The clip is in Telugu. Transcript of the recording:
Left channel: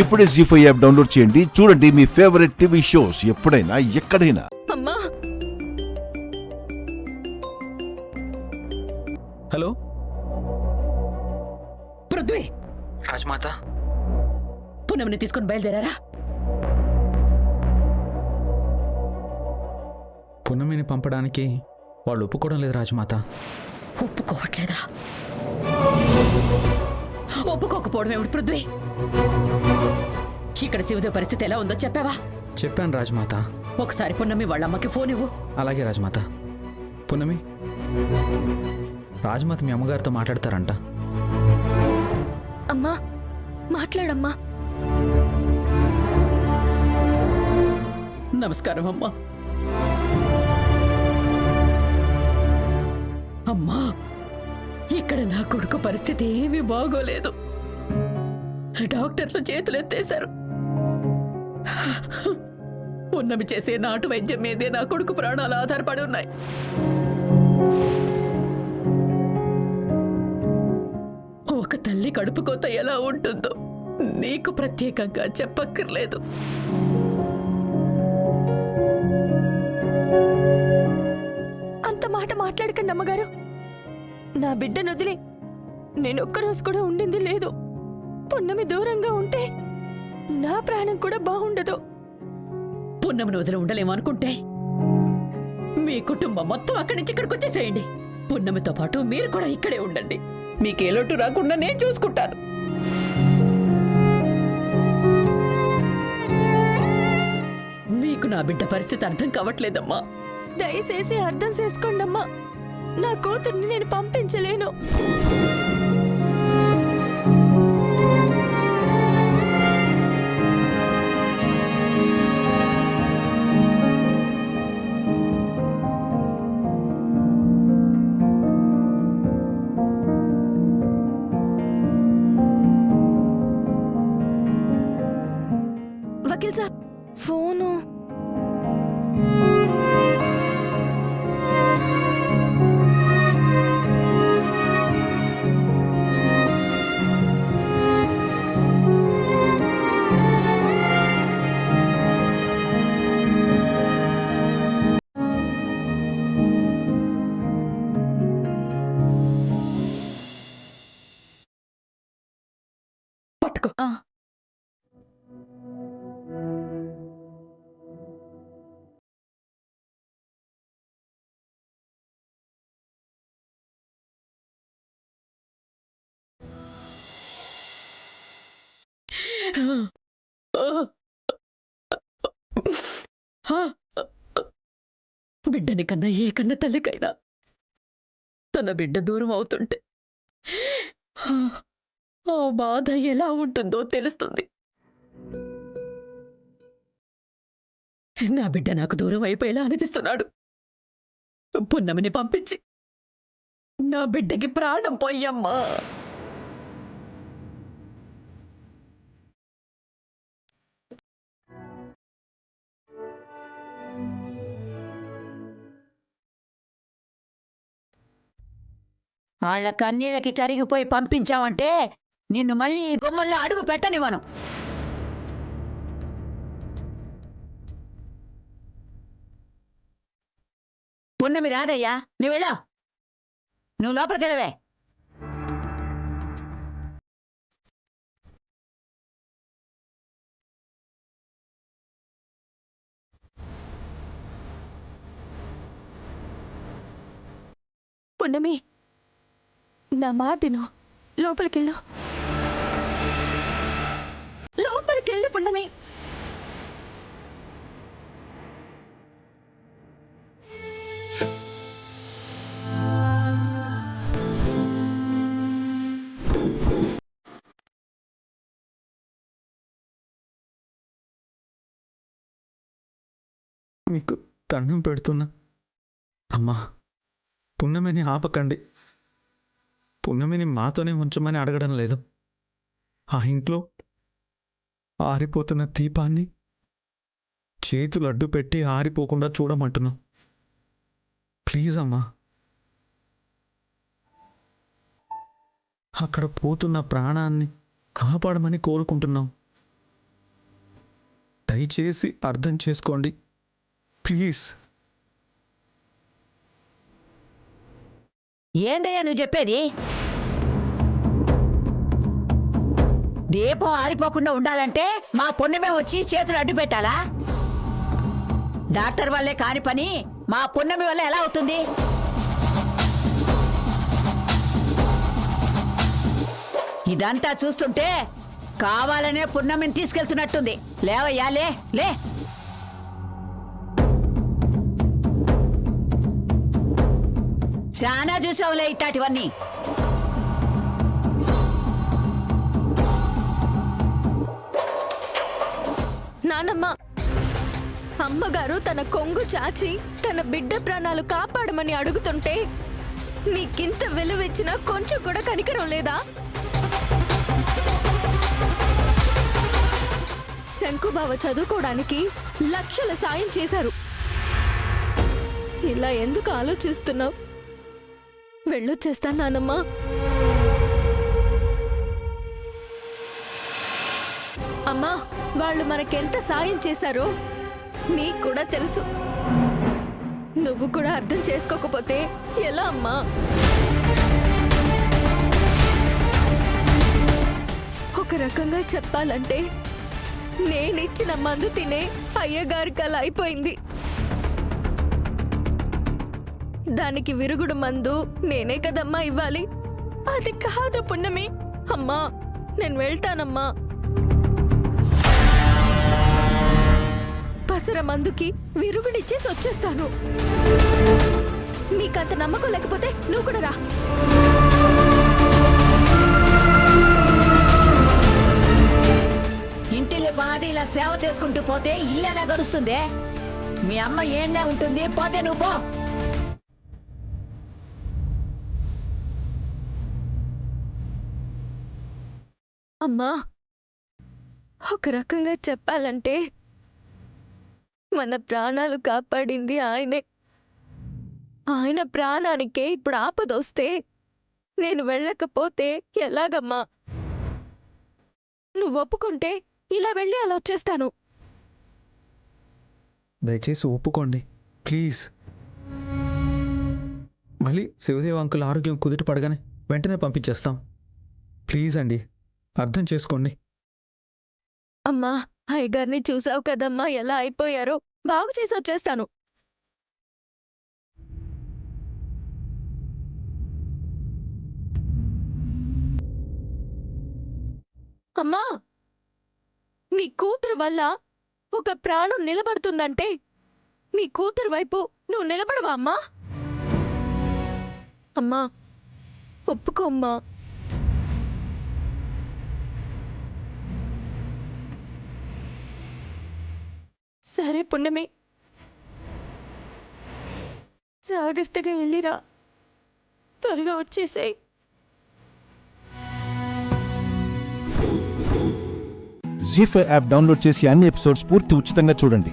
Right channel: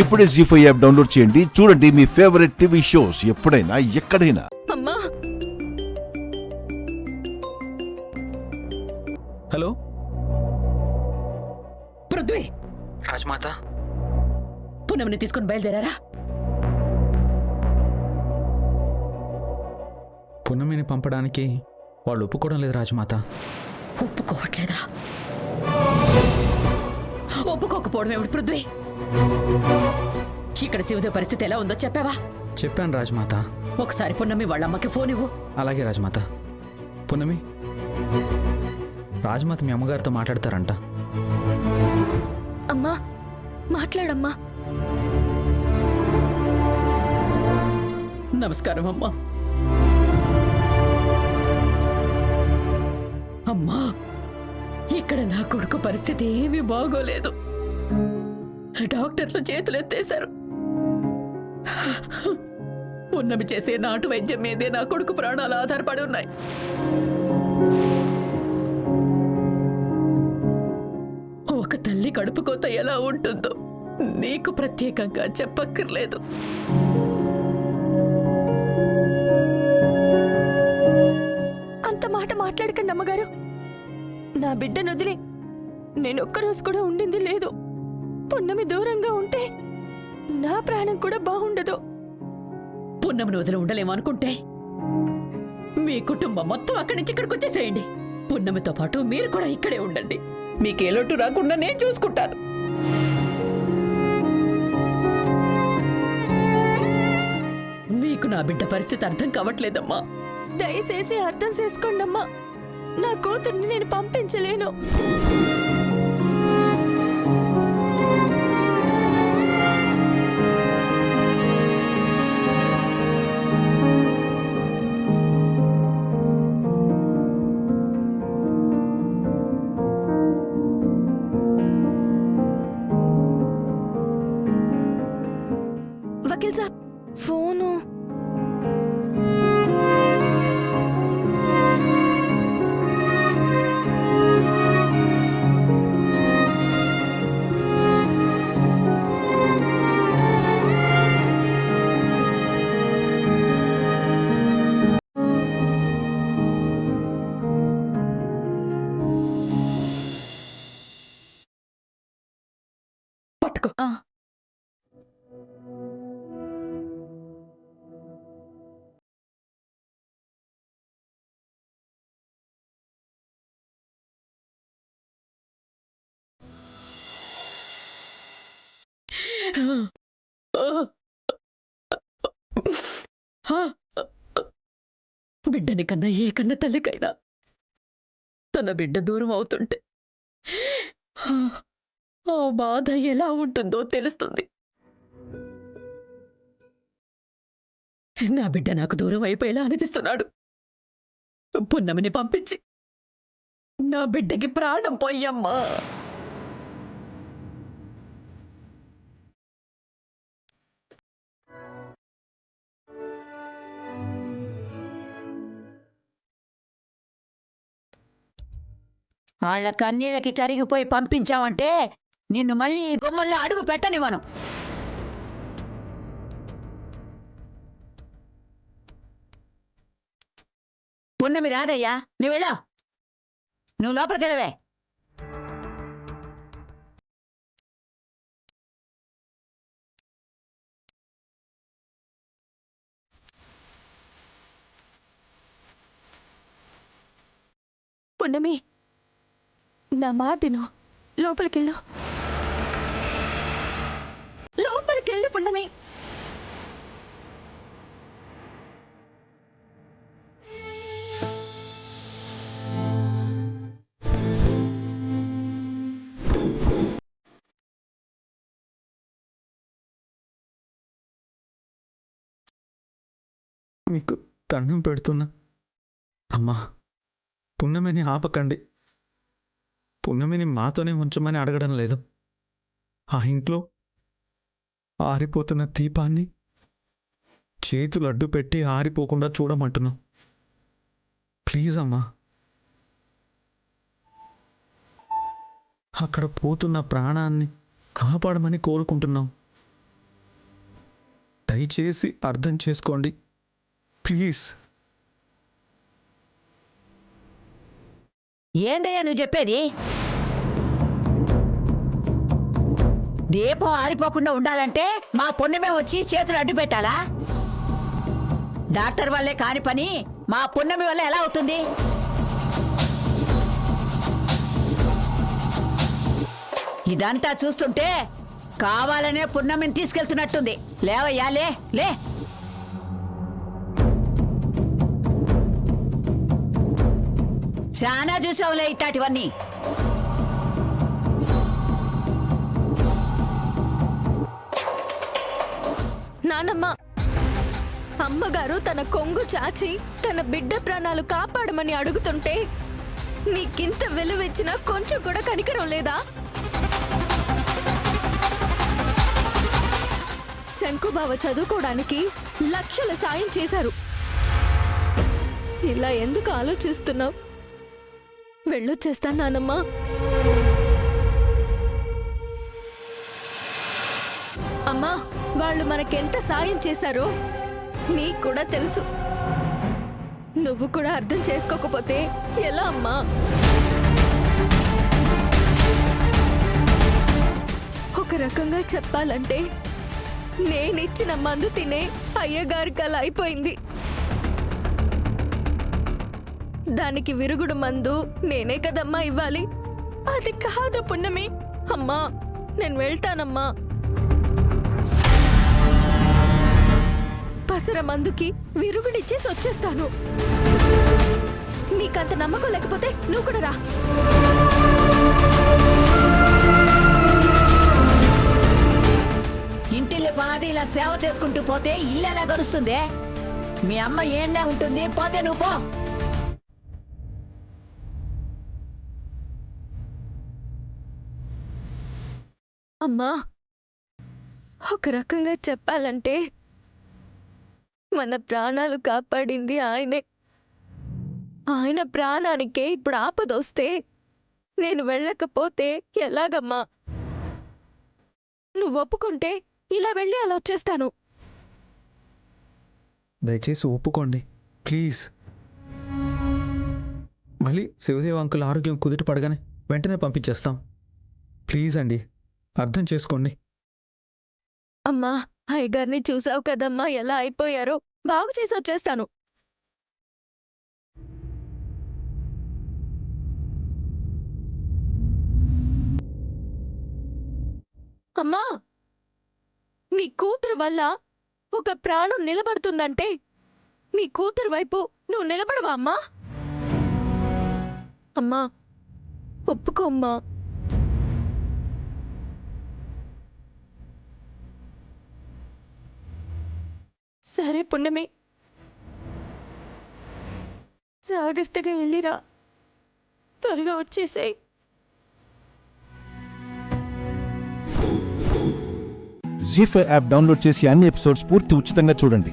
ఇప్పుడే జీ5 యాప్ డౌన్లోడ్ చేయండి. చూడండి మీ ఫేవరెట్ టీవీ షోస్ ఎప్పుడైనా ఎక్కడైనా. అమ్మా హలో పృథ్వీ, రాజమాత. పూనమ్ని తీసుకుని బయలుదేరారా? పున్నమిని పంపడానికి వాళ్ళు ఒప్పుకోవడం లేదు రాజమాత. ఒప్పుకోవట్లేదా? ఒప్పుకోకపోవడం ఏమిటి పృథ్వీ? ఇక్కడ శివదేవ్ పరిస్థితి ఎలా ఉందో చెప్పావా? చెప్పాను రాజమాత. ఒకసారి పున్నమి వాళ్ళ అమ్మకి ఫోన్ ఇవ్వు. అలాగే రాజమాత. పున్నమి, రాజమాత మీ అమ్మగారితో మాట్లాడతారంట. అమ్మా మాట్లాడమ్మా. నమస్కారం అమ్మా. అమ్మా, ఇక్కడ నా కొడుకు పరిస్థితి ఏమీ బాగోలేదు. డాక్టర్లు చేతులెత్తేశారు. పున్నమి చేసే నాటు వైద్యం మీదే నా కొడుకు ప్రాణాలు ఆధారపడి ఉన్నాయి. ఒక తల్లి కడుపు కోత ఎలా ఉంటుందో నీకు ప్రత్యేకంగా చెప్పక్కర్లేదు. అంత మాట మాట్లాడకండి అమ్మగారు. నా బిడ్డను వదిలి నేను ఒక్కరోజు కూడా ఉండింది లేదు. పున్నమి దూరంగా ఉంటే నా ప్రాణం కూడా బాగుండదు. పున్నమిని వదిలి ఉండలేమనుకుంటే మీ కుటుంబం మొత్తం అక్కడి నుంచి ఇక్కడికి వచ్చేసేయండి. పున్నమితో పాటు మీరు కూడా ఇక్కడే ఉండండి. మీకే లోటు రాకుండా నేను చూసుకుంటాను. మీకు నా బిడ్డ పరిస్థితి అర్థం కావట్లేదమ్మా. దయచేసి అర్థం చేసుకోండి అమ్మా. నా కూతుర్ని నేను పంపించలేను. వకీల్ సాబ్ ఫోను. పట్టుకో. బిడ్డని కన్నా ఏ కన్న తల్లికైనా తన బిడ్డ దూరం అవుతుంటే ఆ బాధ ఎలా ఉంటుందో తెలుస్తుంది. నా బిడ్డ నాకు దూరం అయిపోయేలా అనిపిస్తున్నాడు. పున్నమిని పంపించి నా బిడ్డకి ప్రాణం పోయమ్మా. వాళ్ళ కన్నీళ్ళకి కరిగిపోయి పంపించావంటే నిన్ను మళ్ళీ ఈ గుమ్మల్లో అడుగు పెట్టనివ్వను. పున్నమి రాదయ్యా, నువ్వు వెళ్ళా. నువ్వు లోపలికి వెళ్ళవే. పున్నమి నా మాటను లోపలికెళ్ళు. లోపలికెళ్ళు పున్నమి. మీకు దండం పెడుతున్నా అమ్మా, పున్నమిని ఆపకండి. పున్నమిని మాతోనే ఉంచమని అడగడం లేదు. ఆ ఇంట్లో ఆరిపోతున్న దీపాన్ని చేతులు అడ్డు పెట్టి ఆరిపోకుండా చూడమంటున్నాం. ప్లీజ్ అమ్మా. అక్కడ పోతున్న ప్రాణాన్ని కాపాడమని కోరుకుంటున్నాం. దయచేసి అర్థం చేసుకోండి ప్లీజ్. ఏందయ్యా నువ్వు చెప్పేది? దీపం ఆరిపోకుండా ఉండాలంటే మా పుణ్యమే వచ్చి చేతులు అడ్డు పెట్టాలా? డాక్టర్ వల్లే కాని పని మా పుణ్యమి వల్ల ఎలా అవుతుంది? ఇదంతా చూస్తుంటే కావాలనే పుణ్యమిని తీసుకెళ్తున్నట్టుంది. లేవయ్యా లే లే. చాలా చూసావులే ఇట్లాంటివన్నీ. నానమ్మ, అమ్మగారు తన కొంగు చాచి తన బిడ్డ ప్రాణాలు కాపాడమని అడుగుతుంటే నీకింత విలువిచ్చినా కొంచెం కూడా కనికరం లేదా? శంకుబావ చదువుకోవడానికి లక్షల సాయం చేశారు. ఇలా ఎందుకు ఆలోచిస్తున్నావు? వెళ్ళొచ్చేస్తాను నానమ్మ. అమ్మా, వాళ్ళు మనకెంత సాయం చేశారో నీకు కూడా తెలుసు. నువ్వు కూడా అర్థం చేసుకోకపోతే ఎలా అమ్మా? ఒక రకంగా చెప్పాలంటే నేనిచ్చిన మందు తినే అయ్యగారికి అలా అయిపోయింది. దానికి విరుగుడు మందు నేనే కదమ్మా ఇవ్వాలి. అది కాదు పున్నమి. అమ్మా, నేను వెళ్తానమ్మా. పసర మందుకి విరుగుడిచ్చేసి వచ్చేస్తాను. మీకంత నమ్మకం లేకపోతే నువ్వు కూడా రా. ఇంటిలో బాధ ఇలా సేవ చేసుకుంటూ పోతే ఇల్లు ఎలా గడుస్తుంది? మీ అమ్మ ఏండే ఉంటుంది, పోతే నువ్వు పో. అమ్మా, ఒక రకంగా చెప్పాలంటే మన ప్రాణాలు కాపాడింది ఆయనే. ఆయన ప్రాణానికే ఇప్పుడు ఆపదొస్తే నేను వెళ్ళకపోతే ఎలాగమ్మా? నువ్వు ఒప్పుకుంటే ఇలా వెళ్ళి అలా వచ్చేస్తాను. దయచేసి ఒప్పుకోండి ప్లీజ్. మళ్ళీ శివదేవ్ అంకుల్ ఆరోగ్యం కుదుట పడగానే వెంటనే పంపించేస్తాం. ప్లీజ్ అండి, అర్థం చేసుకోండి. అమ్మా, అయ్యగారిని చూసావు కదమ్మా ఎలా అయిపోయారో. బాగు చేసి వచ్చేస్తాను. అమ్మా, నీ కూతురు వల్ల ఒక ప్రాణం నిలబడుతుందంటే నీ కూతురు వైపు నువ్వు నిలబడవా అమ్మా? అమ్మా, ఒప్పుకో అమ్మా. సరే పుణ్యమి, జాగ్రత్తగా వెళ్ళిరా. త్వరగా వచ్చేసాయి. జీ5 యాప్ డౌన్లోడ్ చేసి అన్ని ఎపిసోడ్స్ పూర్తి ఉచితంగా చూడండి.